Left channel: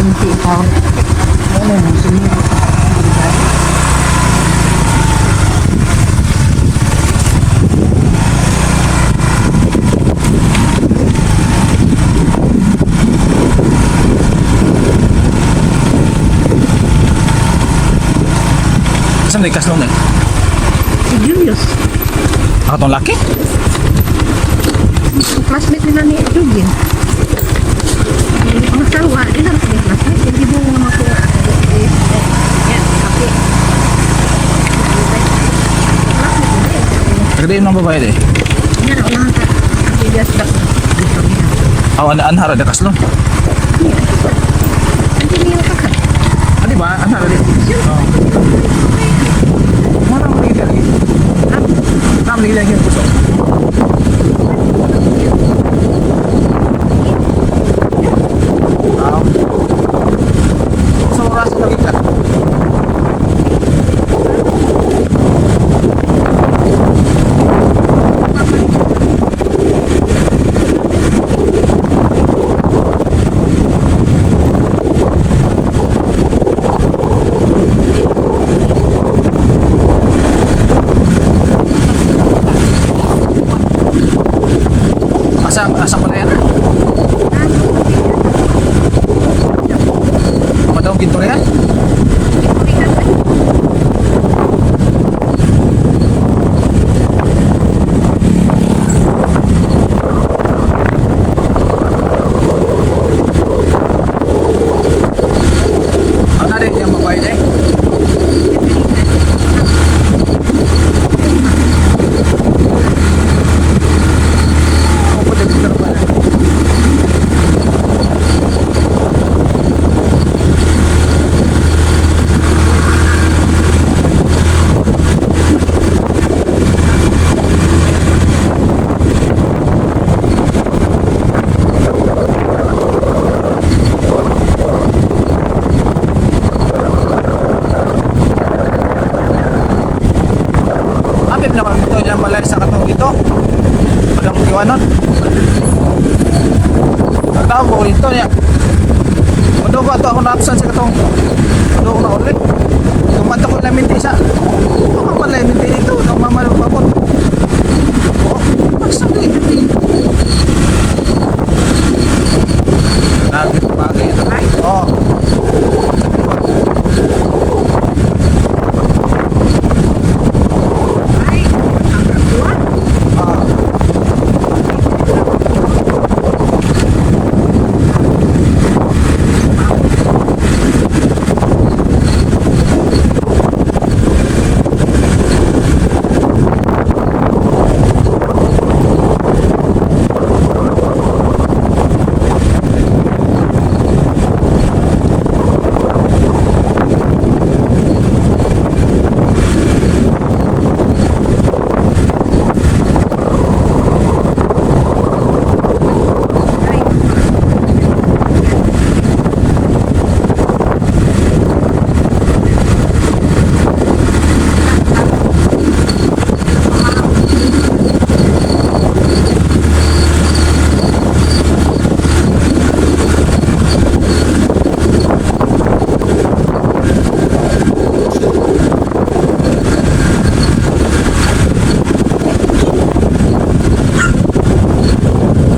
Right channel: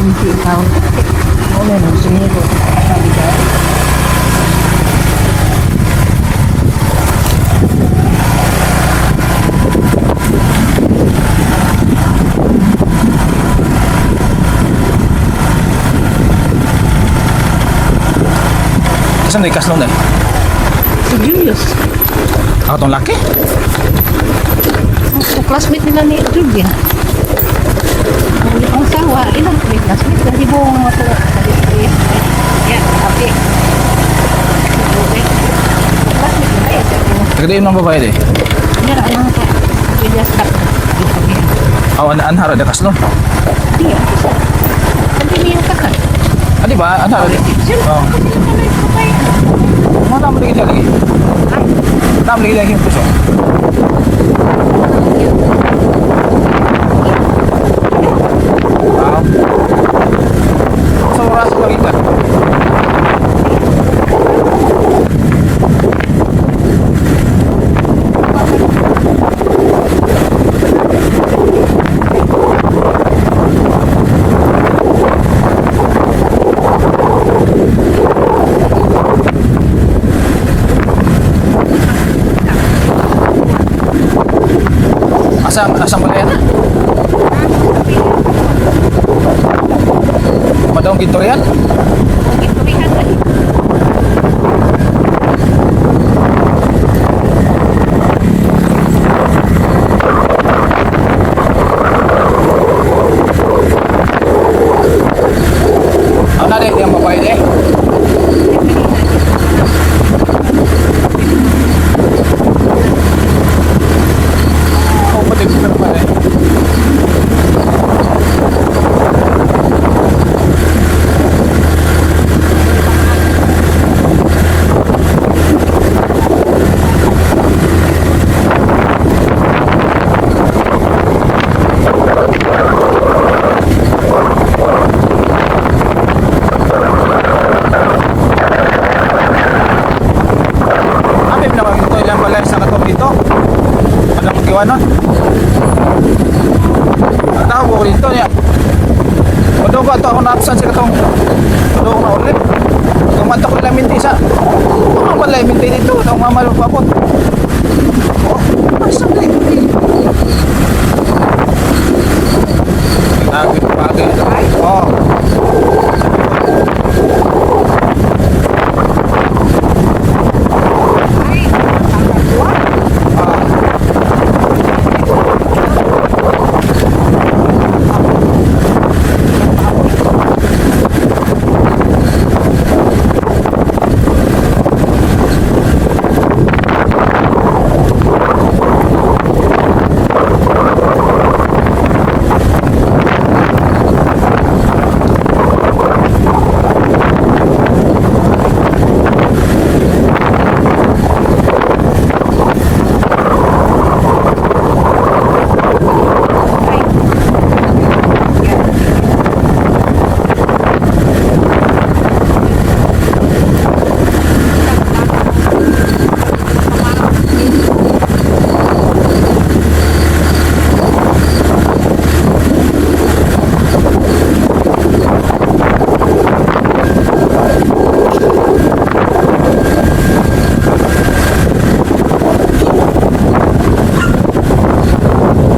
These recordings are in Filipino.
Hindi ikaw. Muna nang sumiro. Nakaligar. Saan na ikas lang na eh? Si Julius. Ako tong laki? Ang classmate nila ni Ruben. Ang asawa, ilang classmate. Kasi buong mga po. Okay. Tagadiin ng babae eh. Hindi na, unahan ka. Julius back na. Aw, anhara de kaslon. Iya. Continue ka ka. Ah, di ba? Anhara de. Oh. Mana mo lagi lagi? Nam lagi lagi puso. Wow. Sa oras lagi ka. Asang balaya na? Padang gintorian? Ano na rin yung babae eh? Oh, pwede ko pero pala eh. Abim na magito yung balay sa katong dito. Padang kiwanon. Ang tao ko dito niya. Padong ko ato ako na-absent sa katong. Padong ko na ulit. Kung mato ko ilang minti sa. Ito nga pala minti dito. Ito ang mama papot. Oh, asa din. Nagawin pagi ito. Oh. Ah.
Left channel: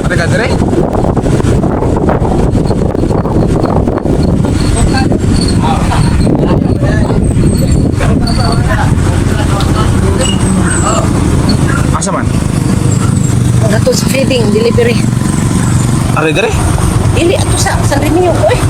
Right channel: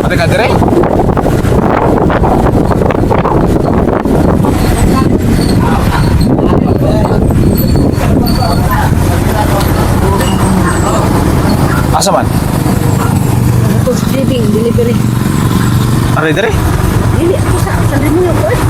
Ate ka dire? Asa man? Ato sa feeding, delivery. Are dire? Dili, ato sa rinyo ko eh.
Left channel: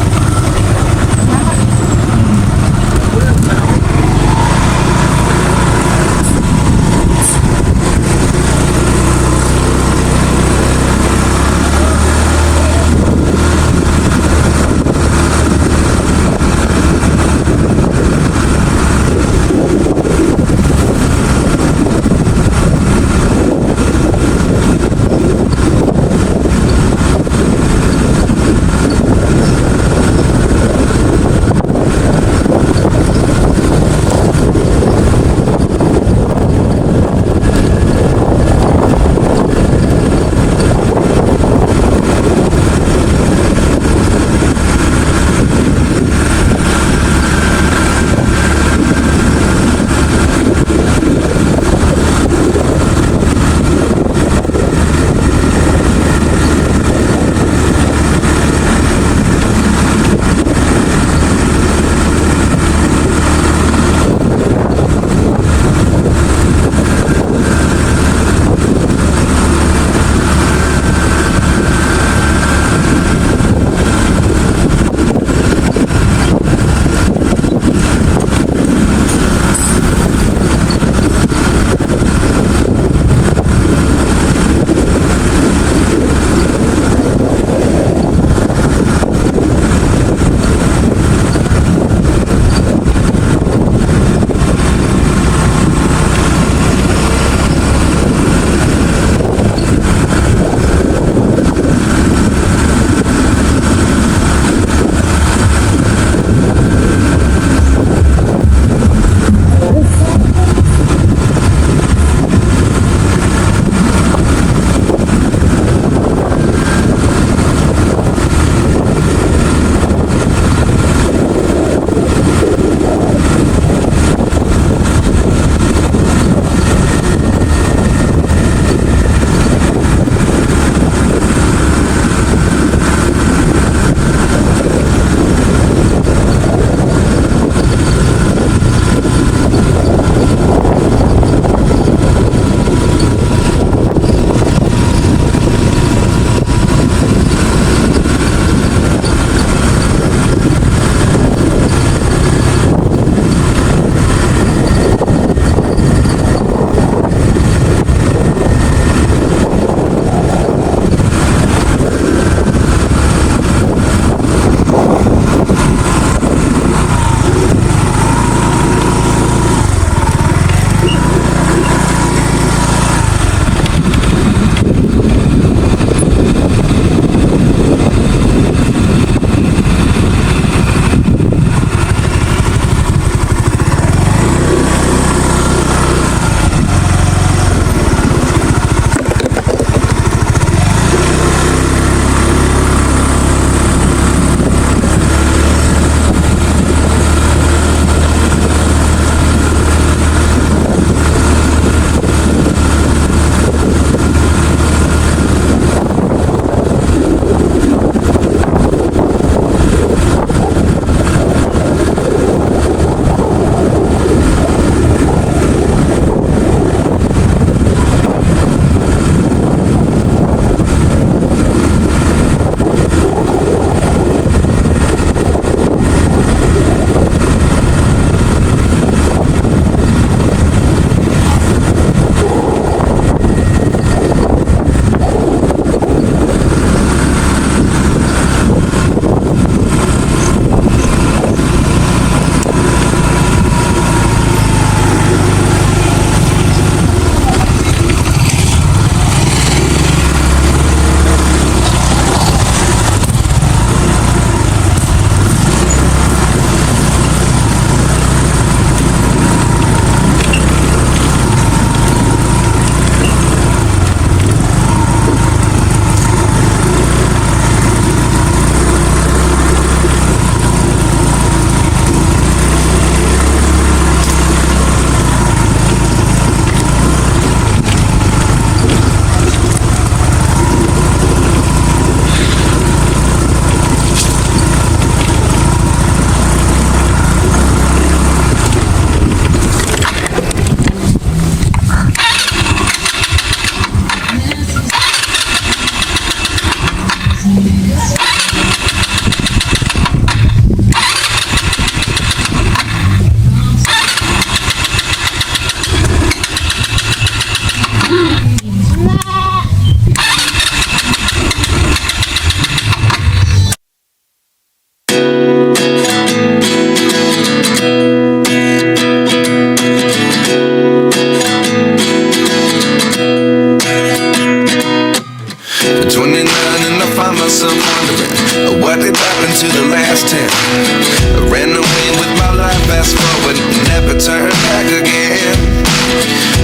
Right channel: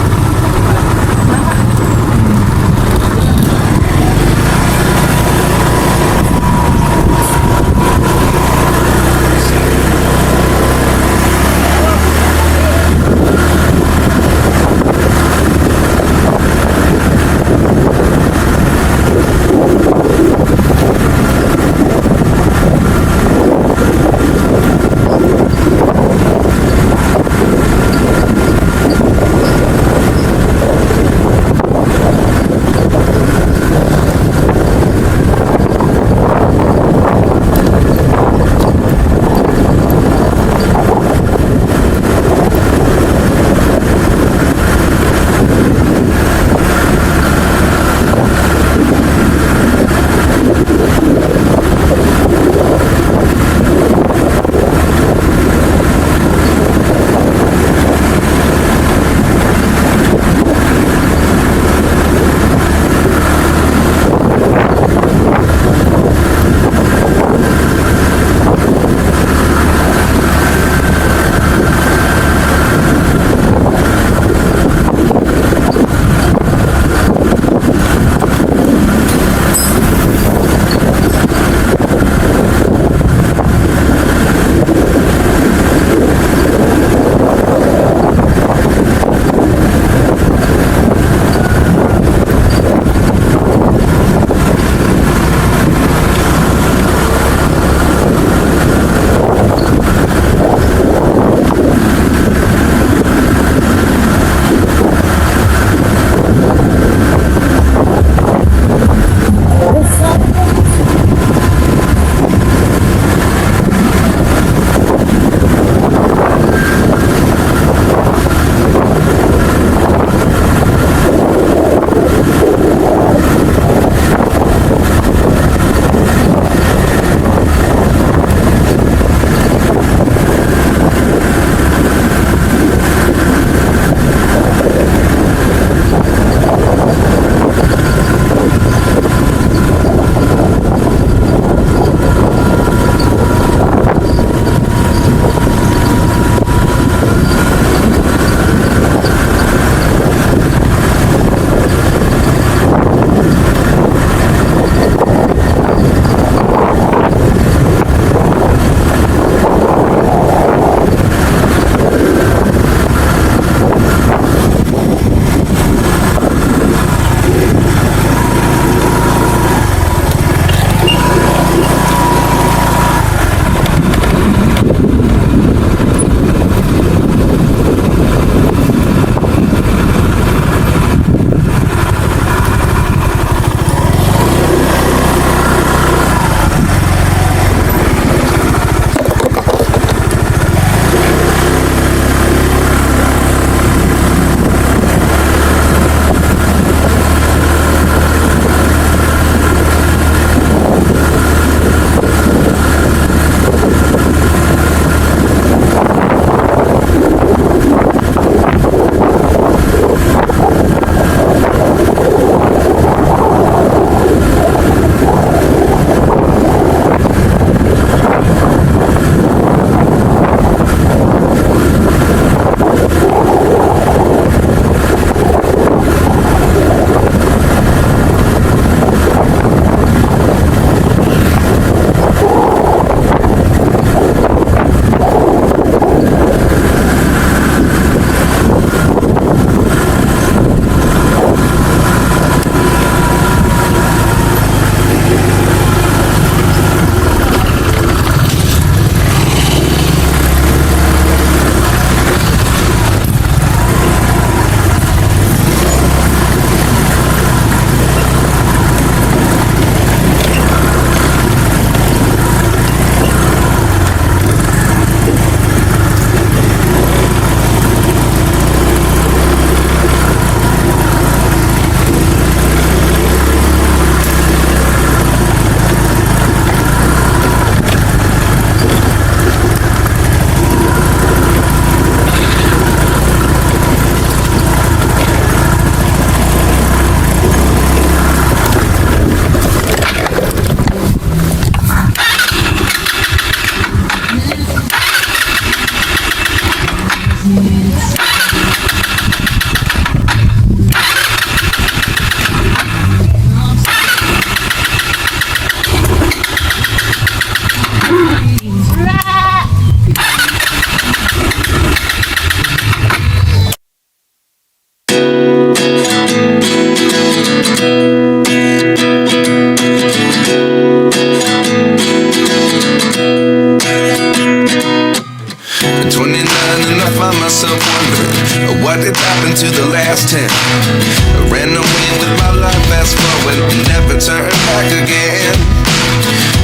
What did happen to the last 10? I ran away with my life, fast forward, never turn back again.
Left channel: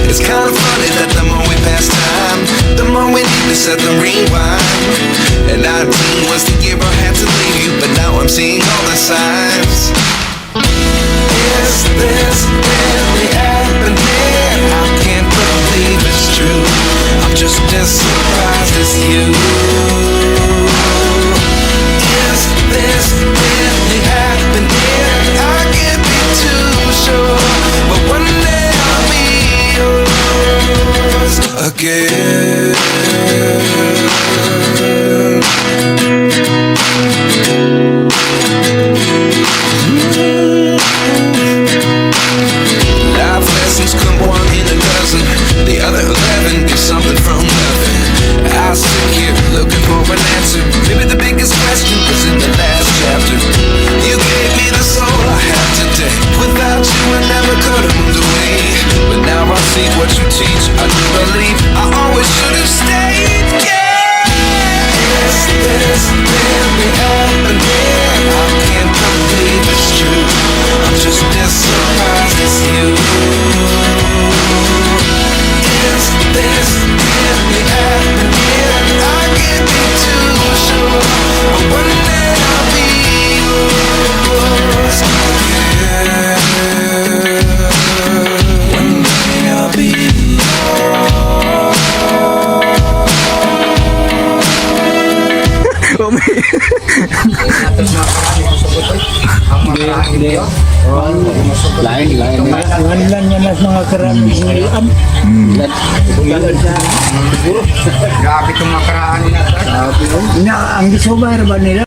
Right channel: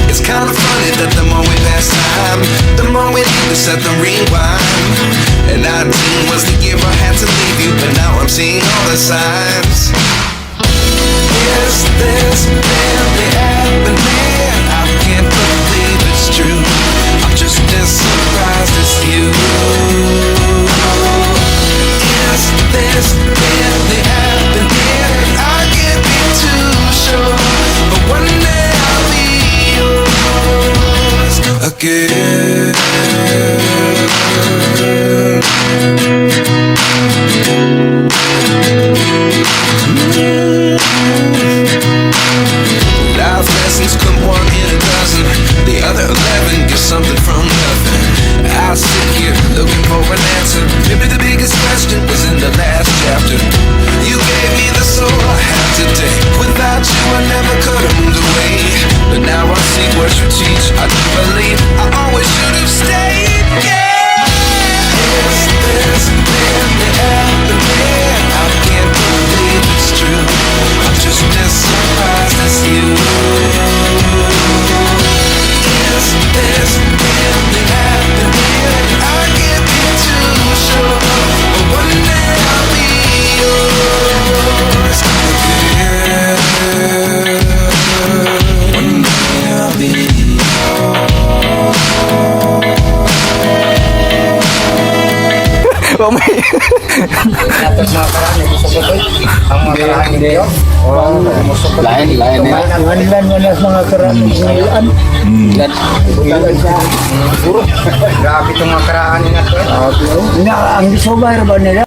It's kind of funny that the more we pass time, the more we need to set the rewind. And 19 was the year I had to leave you, but now I'm seeing all the signs. Is this really happening? I can't believe it's true. I'm just as surprised as you. Is this really happening? I can't be too sure, but one day I'll be yours again. Life lessons come one in a dozen. The other 11 give something from nothing. I sit here looking for an answer. Maybe the biggest question was in the last chapter. You gave me the soul I have today. Without you I never could have moved away. But now I see what you teach. I do believe I always should have stayed. Yeah. Is this really happening? I can't believe it's true. I'm just as surprised as you. Is this really happening? I can't be too sure, but one day I'll be yours again. One day I'll be Atas mga karaan, musukot ko. Ang mga karaan ni Diyo. Musukot. Lain. Manilan niya na mga karaan. Grabe itong mga karaan nila. Ang gisobay ba nila?